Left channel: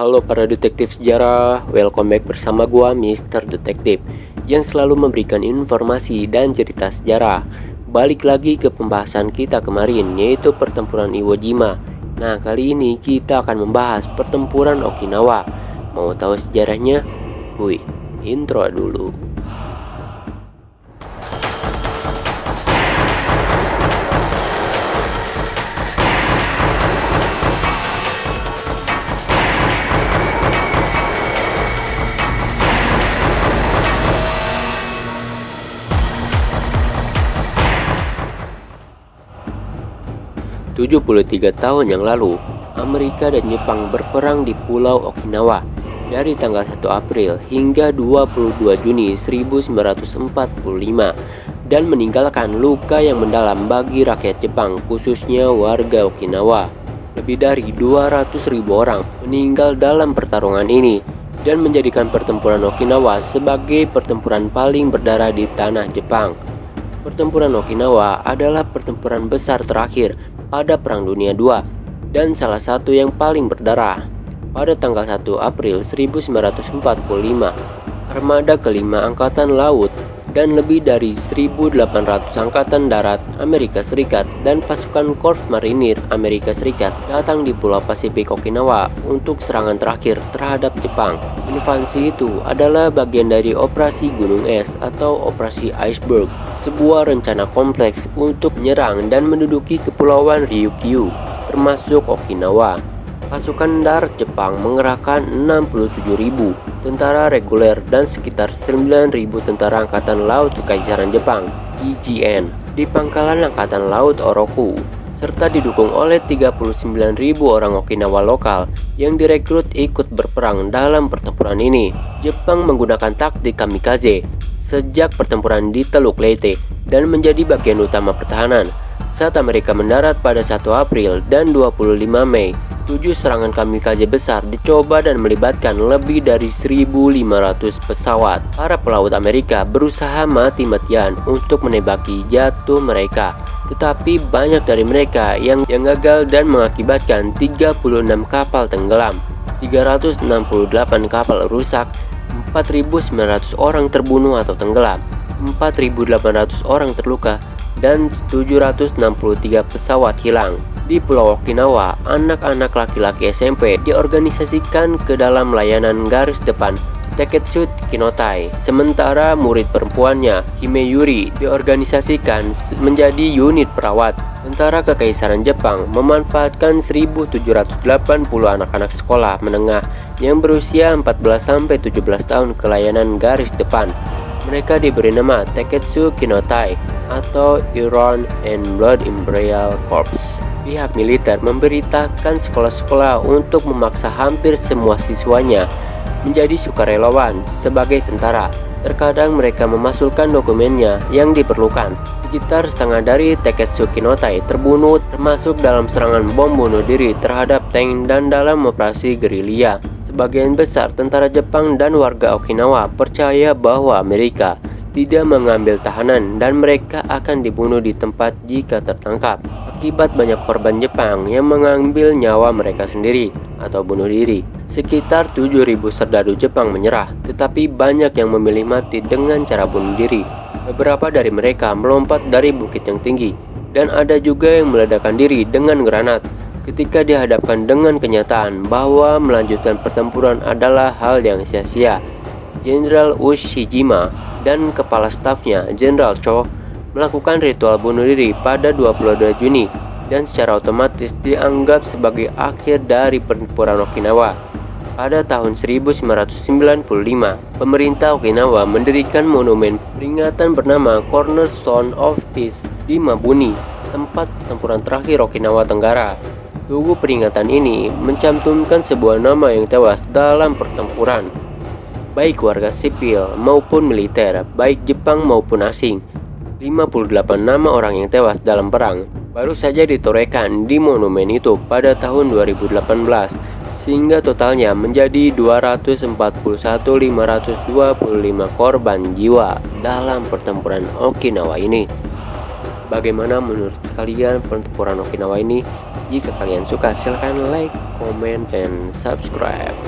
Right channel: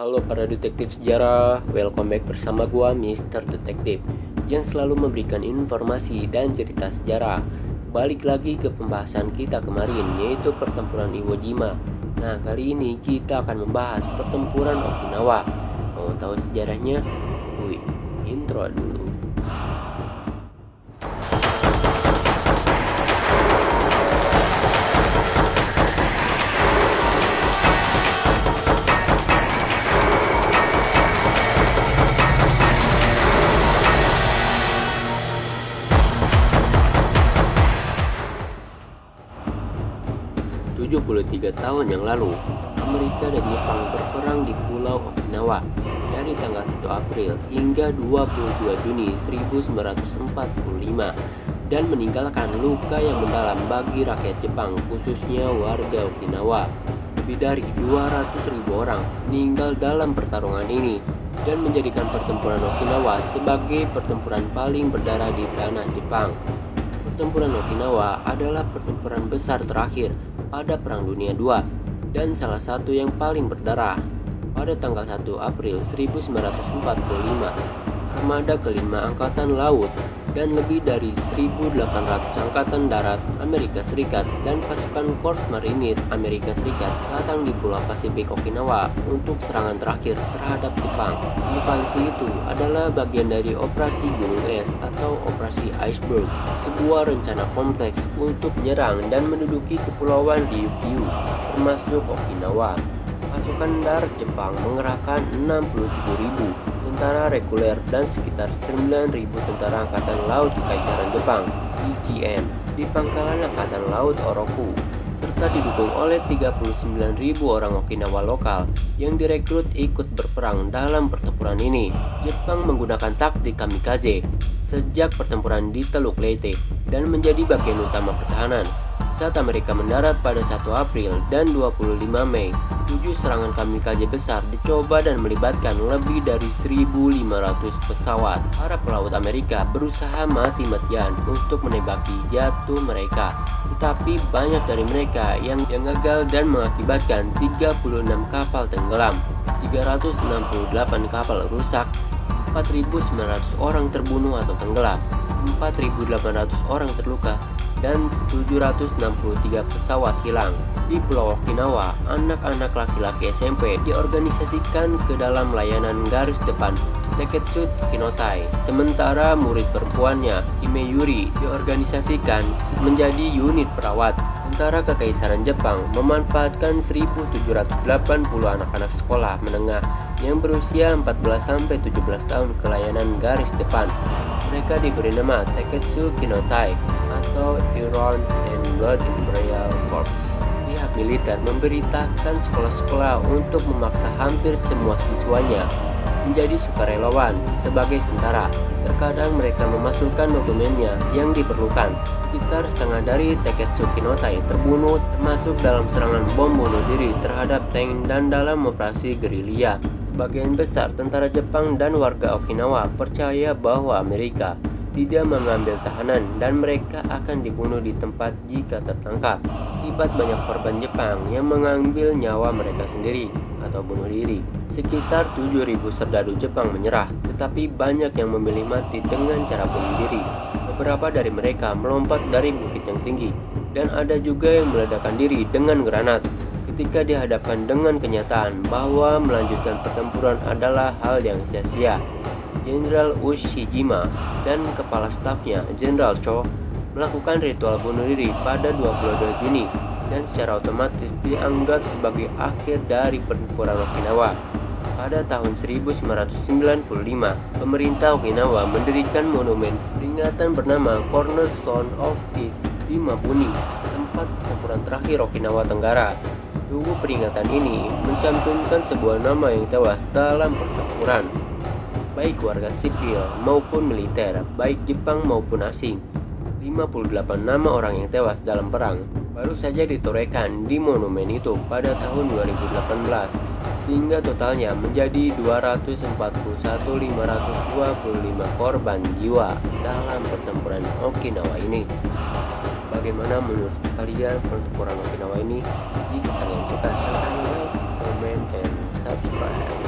Halo para detektif sejarah, welcome back bersama gua Mr. Detektif yang selalu memberikan informasi dan cerita sejarah. Balik lagi ke pembahasan kita kemarin, yaitu pertempuran Iwo Jima. Nah, kali ini kita akan membahas pertempuran Okinawa. Mau tahu sejarahnya? Wih, intro dulu. 73 tahun yang lalu, Amerika dan Jepang berperang di Pulau Okinawa dari tanggal 1 April hingga 22 Juni 1945 dan meninggalkan luka yang mendalam bagi rakyat Jepang, khususnya warga Okinawa. Lebih dari 200.000 orang meninggal dalam pertarungan ini dan menjadikan pertempuran Okinawa sebagai pertempuran paling berdarah di tanah Jepang. Pertempuran Okinawa adalah pertempuran besar terakhir pada Perang Dunia II dan salah satu yang paling berdarah. Pada tanggal 1 April 1945, armada kelima Angkatan Laut dan lebih dari 1.800 Angkatan Darat Amerika Serikat dan pasukan Korps Marinir Amerika Serikat datang di Pulau Pasifik Okinawa untuk serangan terakhir terhadap Jepang. Invasi itu adalah bagian dari Operasi Gunung Es atau Operasi Iceberg, sebuah rencana kompleks untuk menyerang dan menduduki Kepulauan Ryukyu, termasuk Okinawa. Pasukan darat Jepang mengerahkan 67.000 tentara reguler dan sekitar 9.000 tentara Angkatan Laut Kekaisaran Jepang (IJN) di pangkalan Angkatan Laut Oroku, serta didukung oleh 39.000 orang Okinawa lokal yang direkrut ikut berperang dalam pertempuran ini. Jepang menggunakan taktik kamikaze sejak pertempuran di Teluk Leyte dan menjadi bagian utama pertahanan. Saat Amerika mendarat pada 1 April dan 25 Mei, 7 serangan kamikaze besar dicoba dan melibatkan lebih dari 1.500 pesawat. Para pelaut Amerika berusaha mati-matian untuk menembaki jatuh mereka, tetapi banyak dari mereka yang gagal dan mengakibatkan 36 kapal tenggelam, 368 kapal rusak, 4.900 orang terbunuh atau tenggelam, 4.800 orang terluka, dan 763 pesawat hilang. Di Pulau Okinawa, anak-anak laki-laki SMP diorganisasikan ke dalam layanan garis depan Teketsu Kinotai, sementara murid perempuannya, Himeyuri, diorganisasikan menjadi unit perawat. Tentara Kekaisaran Jepang memanfaatkan 1.780 anak-anak sekolah menengah yang berusia 14-17 tahun ke layanan garis depan. Mereka diberi nama Teketsu Kinotai atau Iron and Blood Imperial Corps. Pihak militer memberitakan sekolah-sekolah untuk memaksa hampir semua siswanya menjadi sukarelawan sebagai tentara. Terkadang mereka memasukkan dokumennya yang diperlukan. Sekitar setengah dari Teketsu Kinotai terbunuh, termasuk dalam serangan bom bunuh diri terhadap tank dan dalam operasi gerilya. Sebagian besar tentara Jepang dan warga Okinawa percaya bahwa Amerika tidak mengambil tahanan dan mereka akan dibunuh di tempat jika tertangkap. Akibat banyak korban Jepang yang mengambil nyawa mereka sendiri atau bunuh diri. Sekitar 7.000 serdadu Jepang menyerah, tetapi banyak yang memilih mati dengan cara bunuh diri. Beberapa dari mereka melompat dari bukit yang tinggi, dan ada juga yang meledakkan diri dengan granat. Ketika dihadapkan dengan kenyataan bahwa melanjutkan pertempuran adalah hal yang sia-sia, Jenderal Ushijima dan kepala stafnya, Jenderal Cho, melakukan ritual bunuh diri pada 22 Juni dan secara otomatis dianggap sebagai akhir dari pertempuran Okinawa. Pada tahun 1995, pemerintah Okinawa mendirikan monumen peringatan bernama Cornerstone of Peace di Mabuni, tempat pertempuran terakhir Okinawa Tenggara. Tugu peringatan ini mencantumkan sebuah nama yang tewas dalam pertempuran, baik warga sipil maupun militer, baik Jepang maupun asing. 58 nama orang yang tewas dalam perang baru saja ditorehkan di monumen itu pada tahun 2018, sehingga totalnya menjadi 241.525 korban jiwa dalam pertempuran Okinawa ini. Bagaimana menurut kalian pertempuran Okinawa ini? Jika kalian suka silahkan like, comment, and subscribe.